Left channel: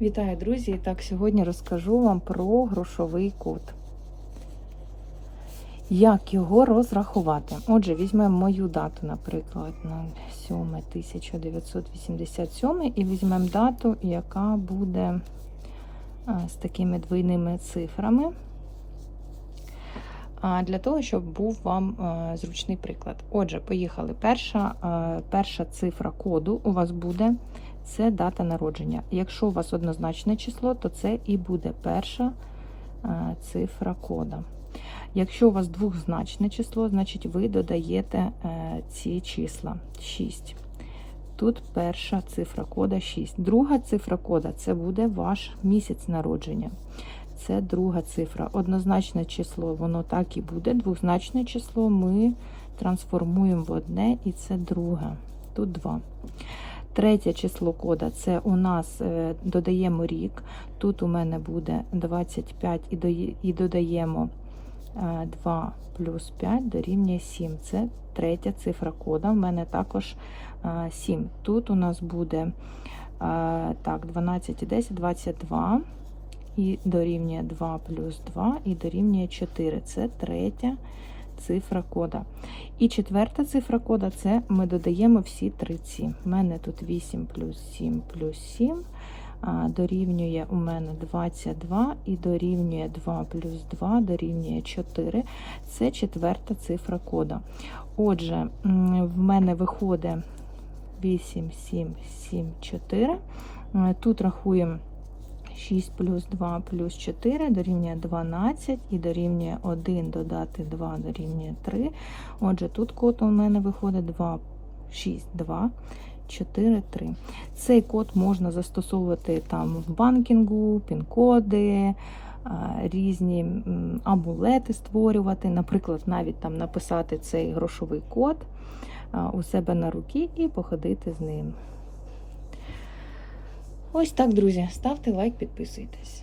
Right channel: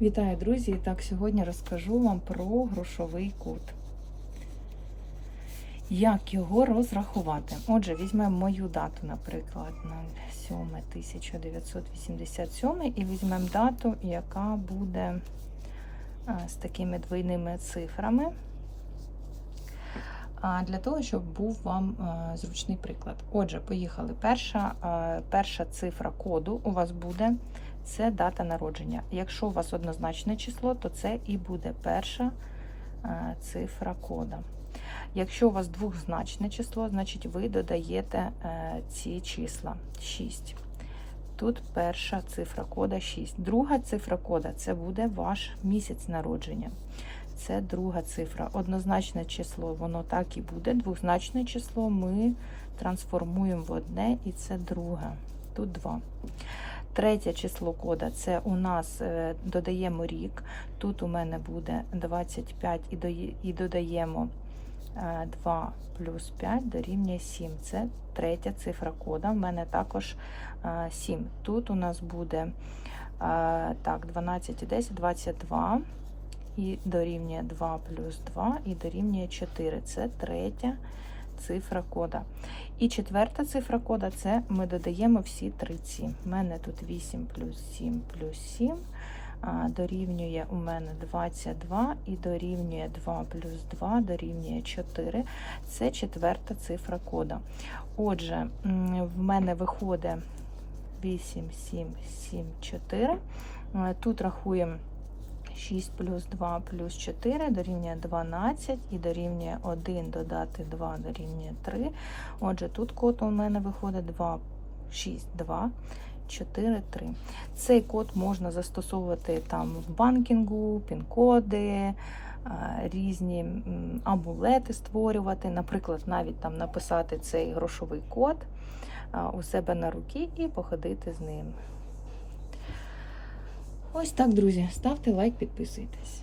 Вітаю, друзі! І так, сьогодні розкажу вам про грошовий код. Як його розрахувати? Отже, візьмемо мою дату, наприклад, 07.1987 і візьмемо дату, яка буде з такими двійними цифрами. Для того, щоб був вам зручний приклад. Отже, поїхали. Перша, перша цифра коду у вас буде це дата народження. Якщо у вас однозначне число, то це і буде перша е, цифра кода. Якщо у вас двозначне число, значить ви додаєте е, ці числа 6. Тут перша цифра кода 6. Друга цифра кода це буде ваш місяць народження. Це друга цифра. Однозначне число, воно так і буде. Двозначне число ми трансформуємо в одне, і це друге. Тут 2. Третє число кода це у нас е, додаємо рік. Тут у мене буде 25 і додаємо 2 плюс 5 дорівнює 7. Це третя цифра кода. У мене також 7. Тут у нас буде так, 12 і 10, 22. І дорівнює 2 плюс 2 і дорівнює 4. Це третя цифра кода. І четверта цифра кода це ми додаємо всі три ці. У мене тут 8 плюс 7 плюс 7. Дорівнює у мене 22 і дорівнює 2 плюс 2 дорівнює 4. Це четверта цифра кода. Отже, в мене виходить 8, 7, 7, 4. Тут рахуємо 6 плюс 2 плюс 4 дорівнює 12 і дорівнює 1 додати 2 дорівнює 3. Отже, тут код у мене виходить 2, 6, 2, 4, 3. Цей код можна застосовувати там в банкінгу, пін-коди, різні амулети створювати, наприклад, навіть там написати цей грошовий код у себе на руки і походити з ним. Ось так, друзі. Ставте лайк, підписуйтесь.